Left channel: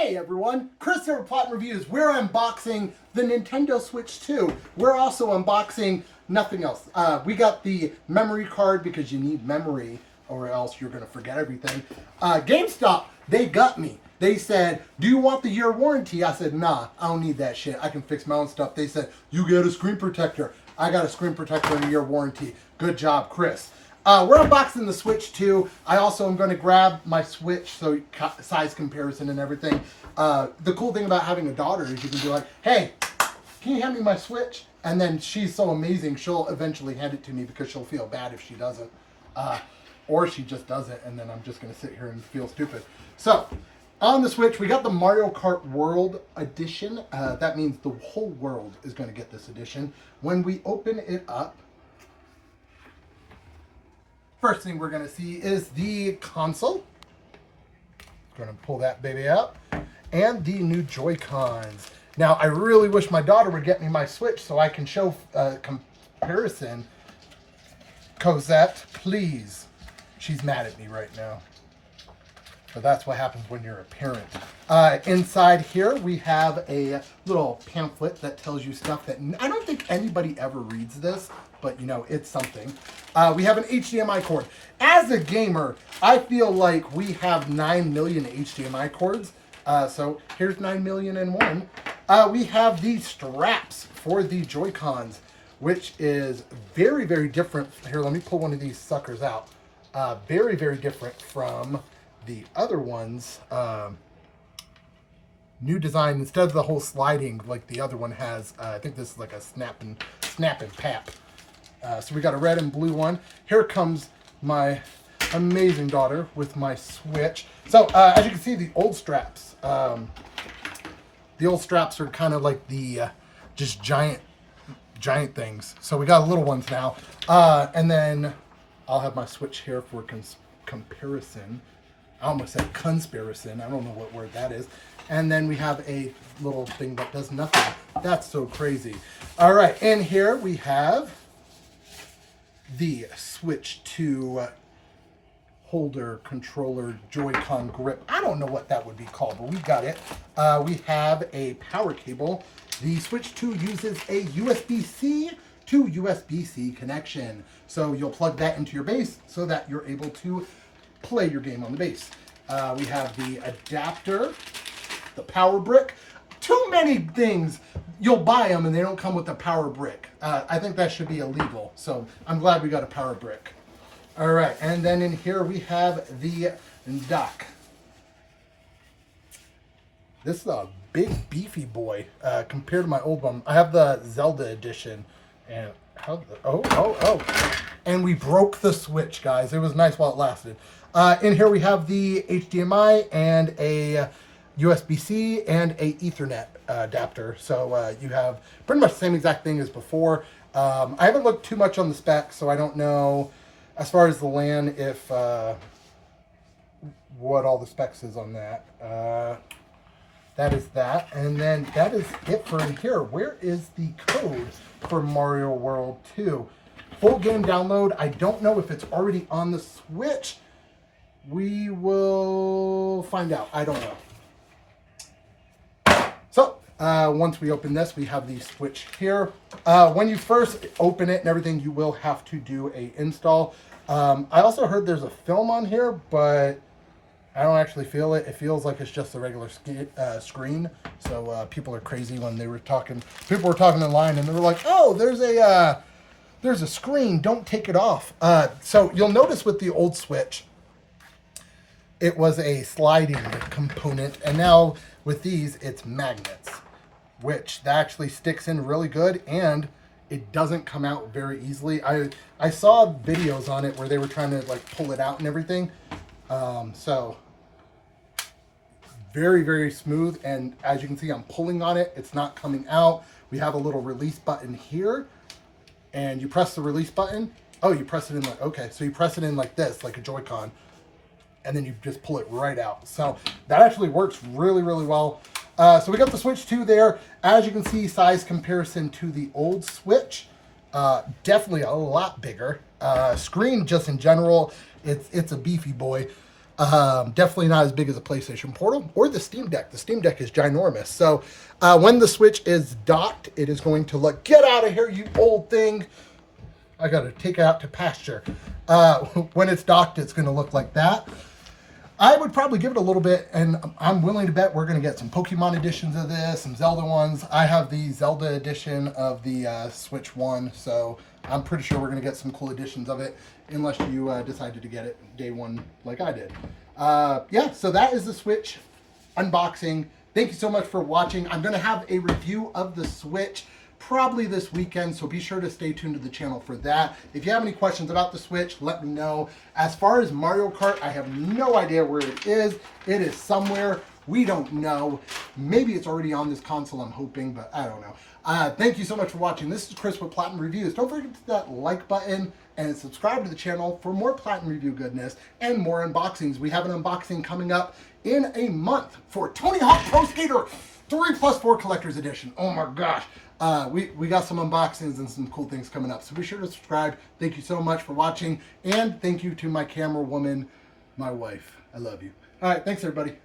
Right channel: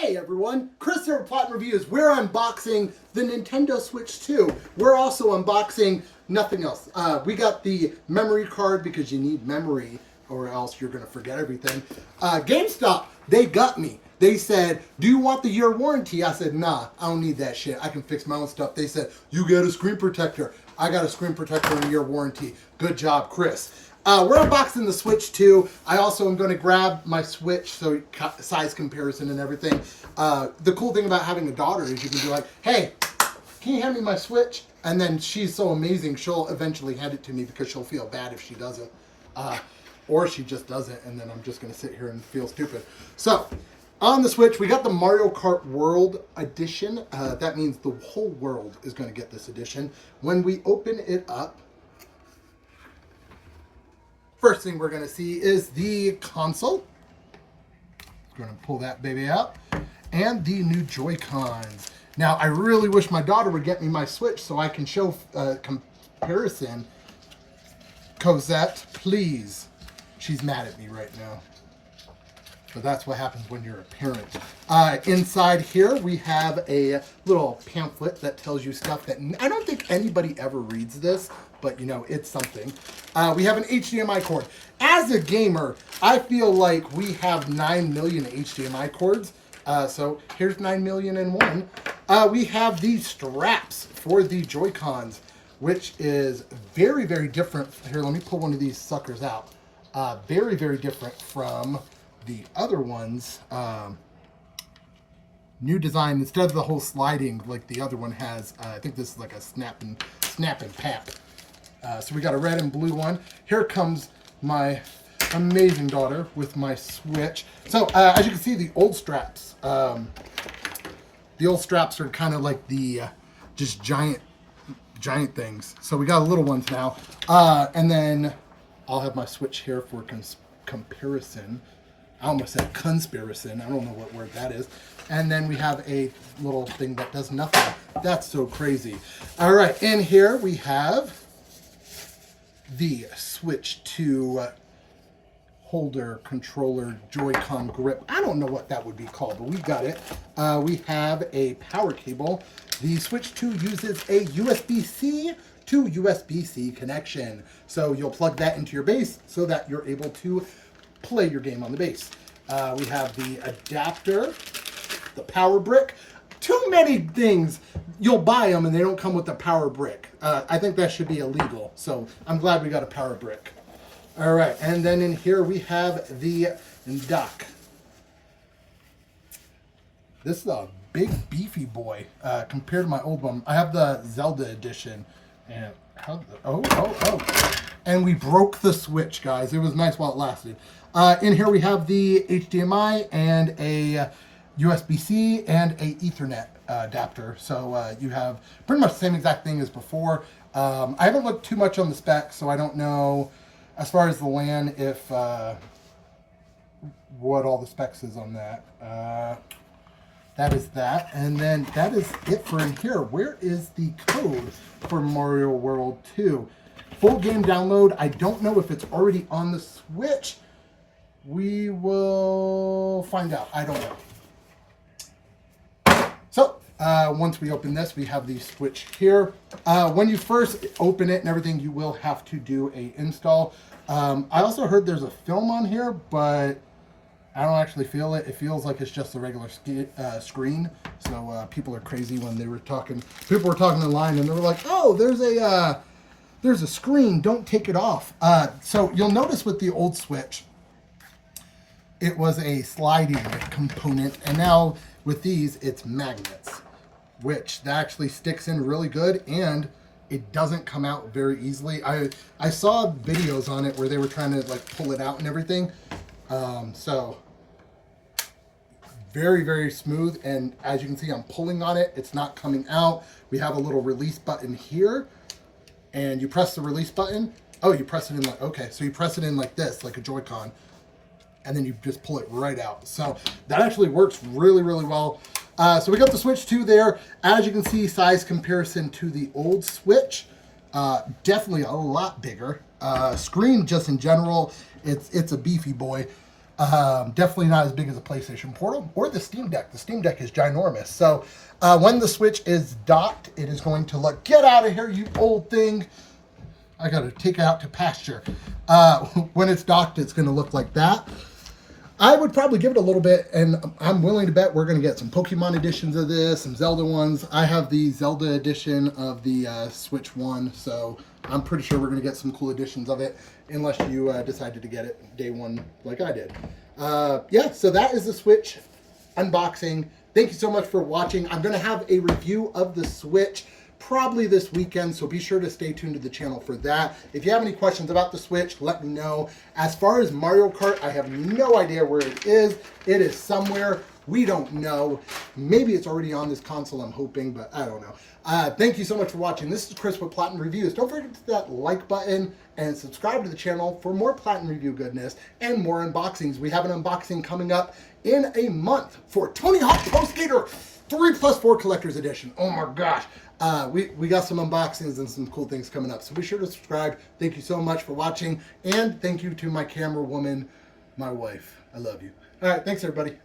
Hey everyone, Chris here with Plot Reviews. We're unboxing the Nintendo Switch 2. We're also unboxing nothing else. We got the memory card because you need memory or else you're going to forget everything. GameStop, they got me. They said, do you want the year warranty? I said, nah, I don't need that shit. I can fix my own stuff. They said, you get a screen protector. I got a screen protector and a year warranty. Good job, Chris. We're unboxing the Switch 2. I also am going to grab my Switch, so size comparison and everything. The cool thing about having a daughter is you can be like, hey, can you hand me my Switch? And then she's so amazing, she'll eventually hand it to me because she'll feel bad if she doesn't. Or she just doesn't, and then I'm just going to sit here and feel stupid. So, on the Switch, we got the Mario Kart World Edition. That means the whole world is going to get this edition. When we open it up, first thing we're going to see is the console. Going to pull that baby out. And the new Joy-Cons. Now, I really wish my daughter would get me my Switch so I can show comparison. Cosette, please. She's mad at me right now. So that's what happens when you're a parent. Inside here, we have a little pamphlet that tells you stuff that I don't think anybody ever reads this, but you know, it's something. We have an HDMI cord. As a gamer, I feel like we have 9 million HDMI cords. So here's 9,000,001. We have these straps for the Joy-Cons, which is very, very different. Here, let me pull one of these suckers out. Very, very different from the other ones. New design. Instead of the whole sliding like the other one has, I think this is like a snap and pap. So we got a red and blue one. Here comes my amazing daughter with my Switch. So as you can see, the old straps. The old straps are kind of like the just giant things. So we got little ones now. And then I'll have my Switch here for comparison. I almost said conspiracin. I don't know what word that is. And then we have a little thing that does nothing. That's so crazy. All right, in here we have the Switch 2 holder, controller, Joy-Con grip. I don't know what that would be called, but we got it. We have a power cable. The Switch 2 uses a USB-C to USB-C connection. So you'll plug that into your base so that you're able to play your game on the base. We have the adapter, the power brick. Too many things. You'll buy them and they don't come with the power brick. I think that should be illegal. So I'm glad we got a power brick. All right, and then in here we have the dock. This is a big beefy boy compared to my old one. I have the Zelda edition, and and we broke the Switch, guys. It was nice while it lasted. In here we have the HDMI and a USB-C and a Ethernet adapter. So you have pretty much the same exact thing as before. I haven't looked too much on the specs, so I don't know as far as the LAN if what all the specs is on that. That is that, and then that is it for in here. Where is the code for Mario World 2? Full game download. I don't know if it's already on the Switch. We will find out. I don't know. So, once we open this, we have the Switch here. When you first open it and everything, you will have to do a install. I also heard there's a film on here, but I don't actually feel it. It feels like it's just a regular screen. So people are crazy when they were talking. People were talking online and they were like, "Oh, there's a screen. Don't take it off." So you'll notice with the old Switch, it was a sliding component, and now with these, it's magnets, which that actually sticks in really good, and it doesn't come out very easily. I saw videos on it where they were trying to like pull it out and everything. So very, very smooth, and as you can see, I'm pulling on it. It's not coming out. We have a little release button here, and you press the release button. Oh, you press it in like, okay, so you press it in like this, like a Joy-Con, and then you just pull it right out. So that actually works really, really well. So we got the Switch 2 there. As you can see, size comparison to the old Switch, definitely a lot bigger. Screen just in general, it's a beefy boy. Definitely not as big as a PlayStation Portal or the Steam Deck. The Steam Deck is ginormous. So when the Switch is docked, it is going to look, get out of here, you old thing. I got to take it out to pasture. When it's docked, it's going to look like that. I would probably give it a little bit, and I'm willing to bet we're going to get some Pokemon editions of this, some Zelda ones. I have the Zelda edition of the Switch One, so I'm pretty sure we're going to get some cool editions of it, unless you decided to get it day one like I did. Yeah, so that is the Switch unboxing. Thank you so much for watching. I'm going to have a review of the Switch probably this weekend, so be sure to stay tuned to the channel for that. If you have any questions about the Switch, let me know. As far as Mario Kart, I have no idea where it is. It is somewhere. We don't know. Maybe it's already on this console, I'm hoping, but I don't know. Thank you so much for watching. This is Chris with Platinum Reviews. Don't forget to hit that like button and subscribe to the channel for more Platinum Review goodness and more unboxings. We have an unboxing coming up in a month for Tony Hawk Pro Skater 3+4 Collector's Edition. Oh my gosh. We got some unboxings and some cool things coming up. So be sure to subscribe. Thank you so much for watching. And thank you to my camera woman, my wife. I love you. All right. Thanks, everybody.